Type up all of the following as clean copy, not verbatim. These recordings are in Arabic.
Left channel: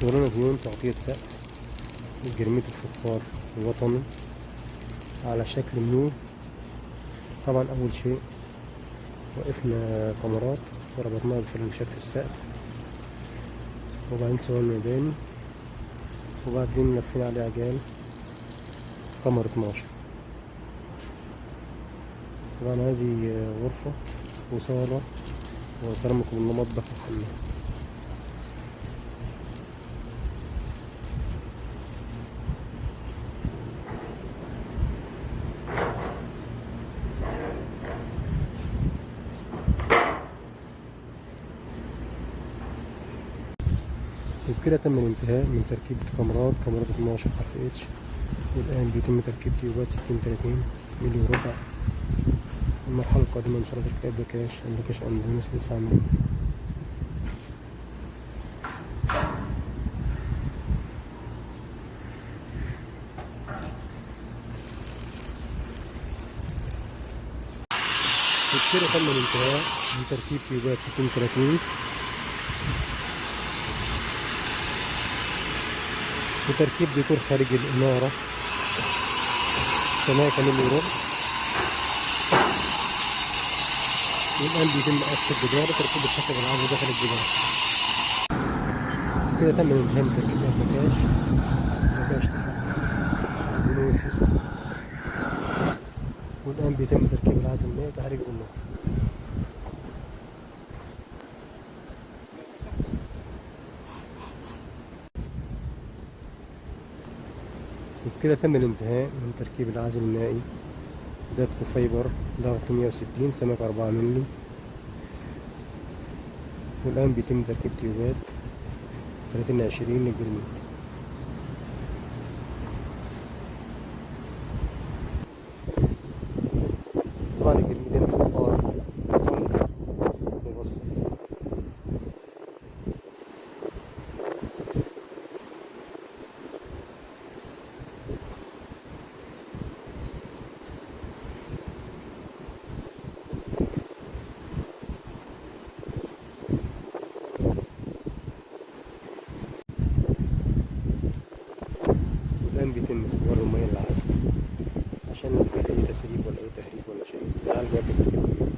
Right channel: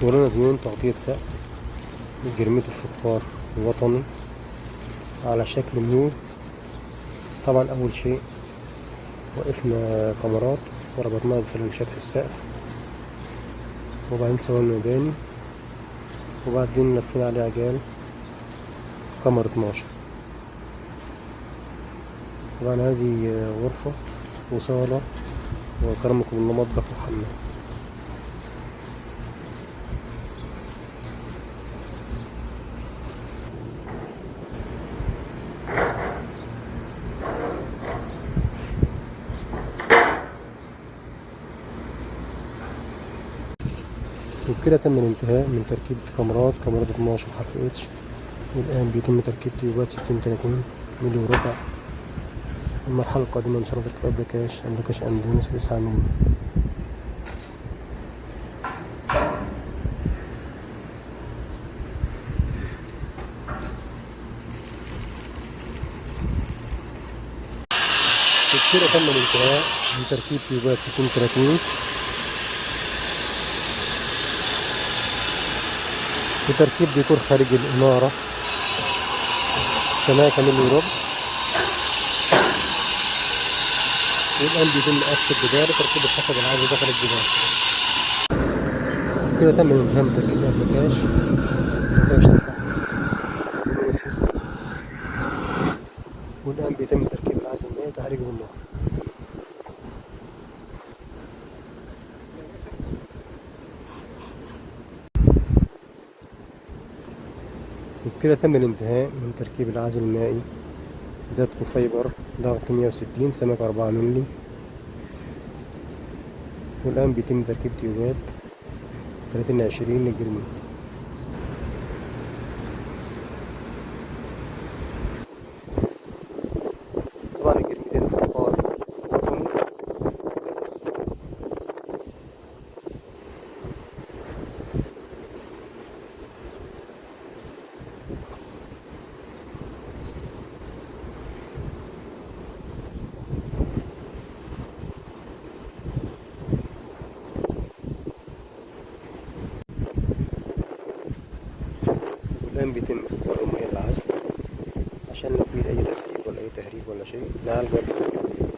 شغلنا ديون تغطية سقف جرميت الفخار الوطني على شكل ميول. طبعا أول شيء وقفنا كاميرات وربطناها بفلانشات في السقف، وبعدين سوينا مباني، وبعدين لفينا عليه عجال كاميرا 12. طبعا هذه غرفة وصالة وكرمكم الله مطبخ وحمام. وبكده تم الانتهاء من تركيب كاميرات 12 حرف اتش، والآن بيتم تركيب تيوبات 60-30 ملي وربع. المرحلة القادمة إن شاء الله تركيب أبلكاش أندونيسي 9 ملي. وبكده تم الانتهاء من تركيب تيوبات 60-30 وتركيب ديكور خارج الإنارة سماكة ملي وربع. والآن بيتم قص الجدار وتركيب الخشب العادي داخل الجدار. كده تم الانتهاء من تركيب أبلكاش 9 أندونيسي. والآن بيتم تركيب العزل المائي وتحريكه بالنار. وبكده تم الانتهاء من تركيب العزل المائي داتكو فايبر ضغط 160 سمك 4 ملي. والآن بيتم تركيب تيوبات 30-20 للجرميت. طبعا الجرميت هنا فخار وطني. والآن بيتم اختبار المياه العذب عشان لو في أي تسريب ولا أي تهريب ولا شيء نعالجه قبل تركيب اليوم.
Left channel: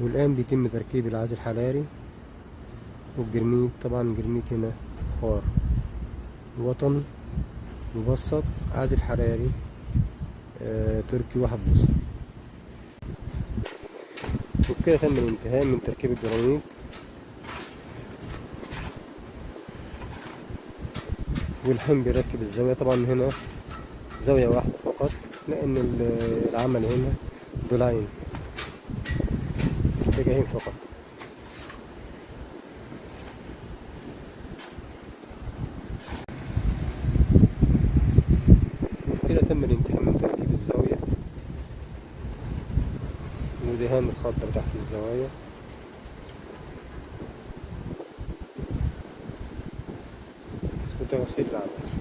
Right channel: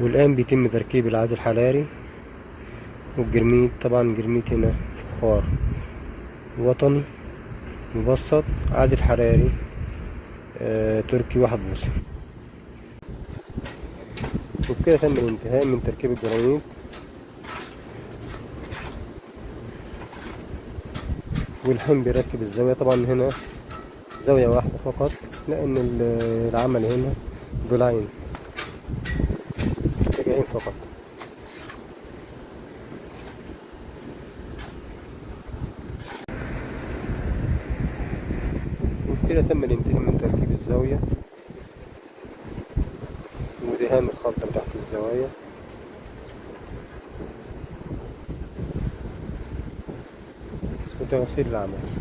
والآن بيتم تركيب العازل الحراري والجرميت. طبعا جرميت هنا فخار وطني مبسط، عازل حراري تركي 1 بوصة. وبكده تم الانتهاء من تركيب الجرانيت. والحين بيركب الزاوية. طبعا هنا زاوية واحدة فقط لأن العمل هنا ضلعين اتجاهين فقط. وبكده تم الانتهاء من تركيب الزاوية ودهان الخلطة تحت الزوايا. وتغسيل العمل.